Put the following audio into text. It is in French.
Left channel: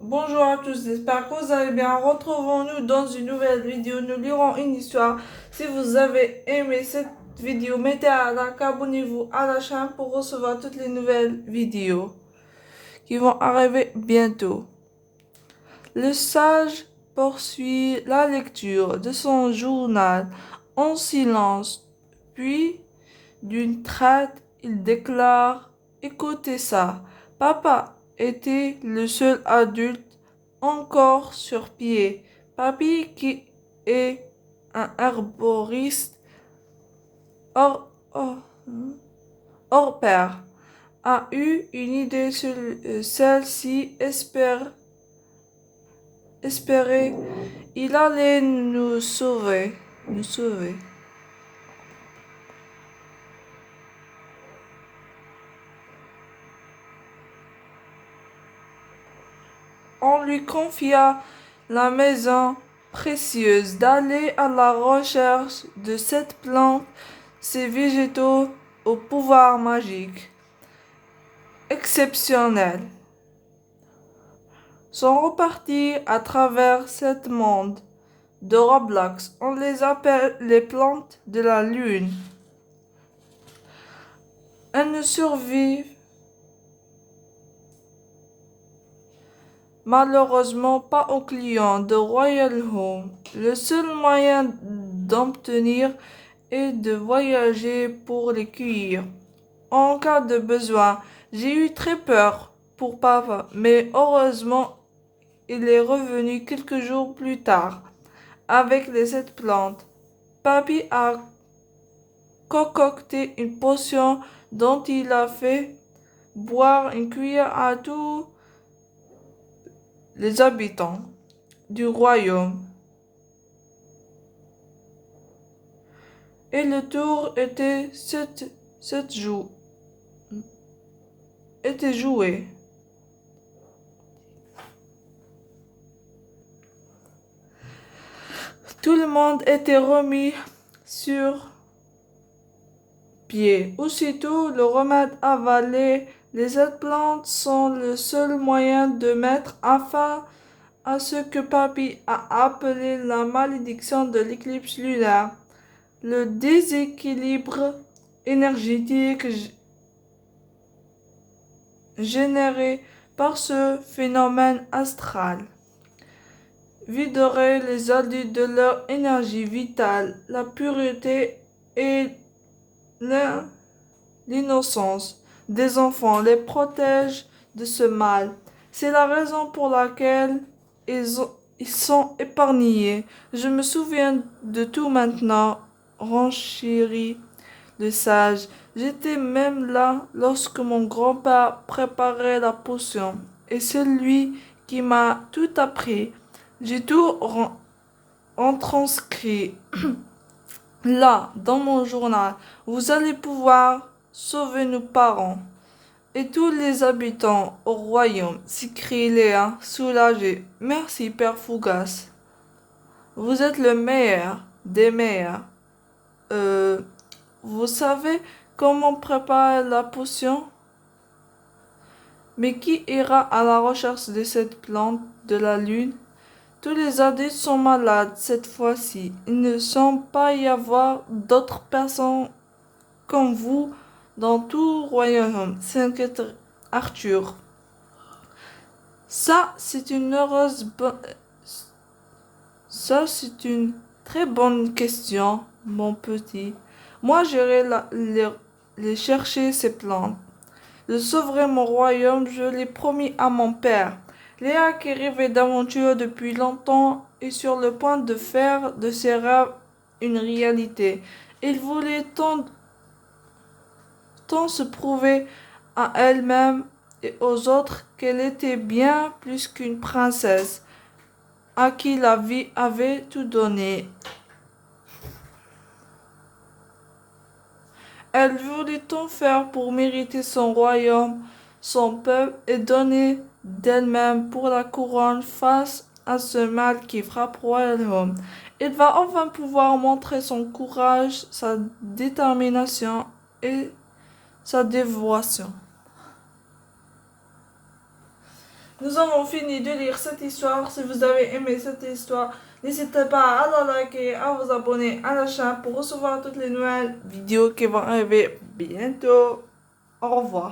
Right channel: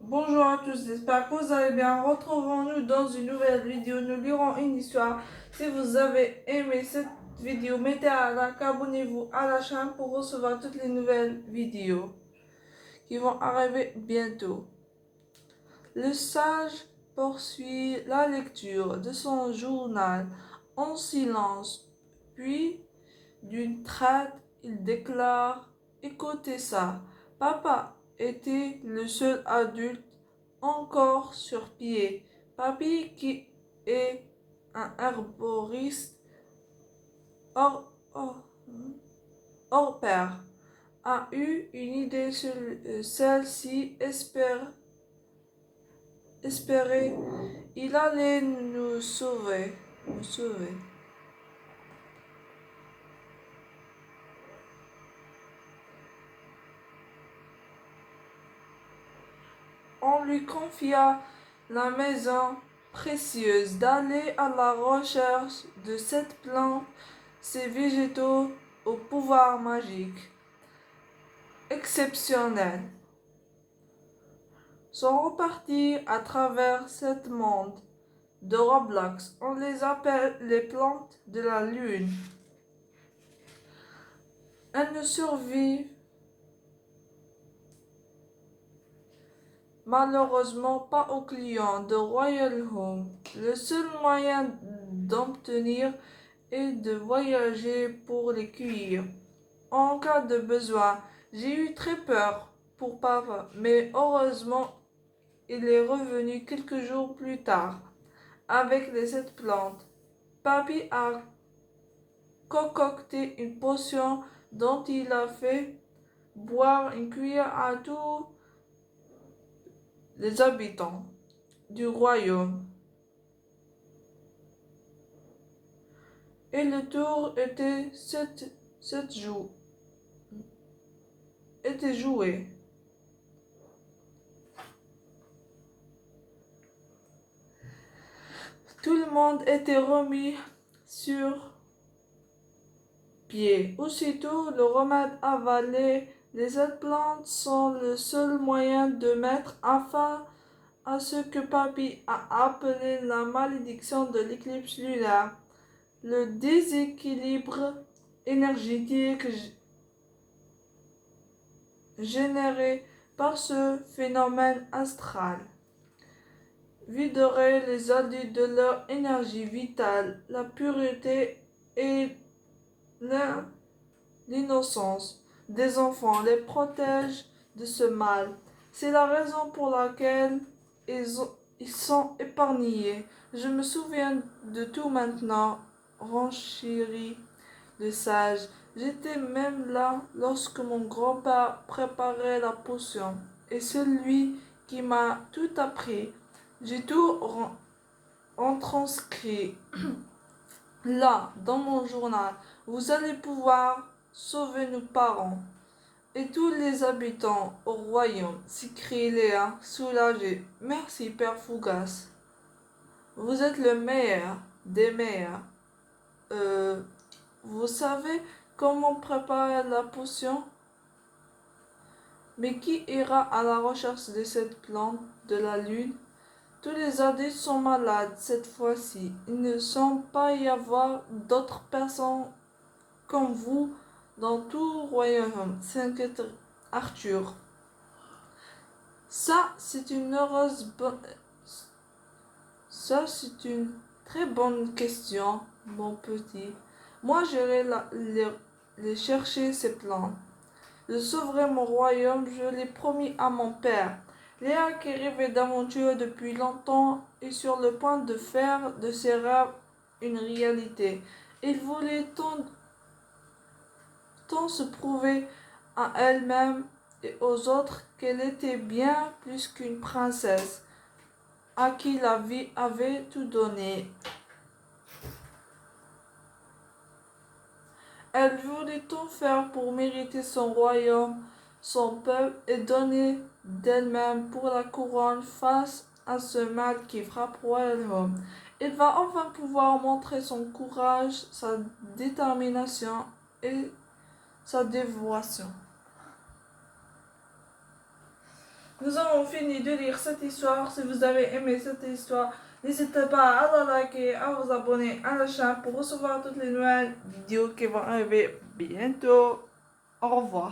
Bonjour à tous, j'espère que vous allez bien. Retrouvons-nous dans une nouvelle vidéo. Nous lirons une histoire. Si vous avez aimé cette vidéo, mettez un like, abonnez-vous à la chaîne pour recevoir toutes les nouvelles vidéos qui vont arriver bientôt. Le sage poursuit la lecture de son journal en silence, puis d'une traite, il déclare: écoutez ça, papa était le seul adulte encore sur pied. Papy, qui est un herboriste hors, hors, hors pair, a eu une idée. Celle-ci espérait, il allait nous sauver. Nous sauver. On lui confia la maison précieuse d'aller à la recherche de cette plante, ces végétaux au pouvoir magique exceptionnel sont repartis à travers ce monde de Roblox. On les appelle les plantes de la lune. Elles ne survivent malheureusement pas aux clients de Royal Home. Le seul moyen d'obtenir est de voyager pour les cueillir. En cas de besoin, j'ai eu très peur pour papa, mais heureusement, il est revenu quelques jours plus tard avec les 7 plantes. Papy a concocté une potion dont il a fait boire une cuillère à tous les habitants du royaume. Et le tour était joué. Tout le monde était remis sur pied. Aussitôt, le remède avalé, les 7 plantes sont le seul moyen de mettre fin à ce que Papy a appelé la malédiction de l'éclipse lunaire. Le déséquilibre énergétique généré par ce phénomène astral viderait les adultes de leur énergie vitale, la pureté et l'innocence des enfants les protège de ce mal. C'est la raison pour laquelle ils sont épargnés. Je me souviens de tout maintenant, renchérit le sage. J'étais même là lorsque mon grand-père préparait la potion, et c'est lui qui m'a tout appris. J'ai tout transcrit là, dans mon journal. Vous allez pouvoir sauver nos parents et tous les habitants au royaume, s'écrie Léa, soulagée. Merci, Père Fougas. Vous êtes le meilleur des meilleurs. Euh, vous savez comment préparer la potion? Mais qui ira à la recherche de cette plante de la lune? Tous les adultes sont malades cette fois-ci. Il ne semble pas y avoir d'autres personnes comme vous dans tout le royaume, s'inquiète Arthur. Ça, c'est une Ça, c'est une très bonne question, mon petit. Moi, j'irai les chercher, ces plantes. Je sauverai mon royaume, je l'ai promis à mon père. Léa, qui rêvait d'aventure depuis longtemps, est sur le point de faire de ses rêves une réalité. Il voulait tant se prouver à elle-même et aux autres qu'elle était bien plus qu'une princesse à qui la vie avait tout donné. Elle voulait tout faire pour mériter son royaume, son peuple, et donner d'elle-même pour la couronne face à ce mal qui frappe royaume. Il va enfin pouvoir montrer son courage, sa détermination et sa dévotion. Nous avons fini de lire cette histoire. Si vous avez aimé cette histoire, n'hésitez pas à la liker, à vous abonner à la chaîne pour recevoir toutes les nouvelles vidéos qui vont arriver bientôt. Au revoir.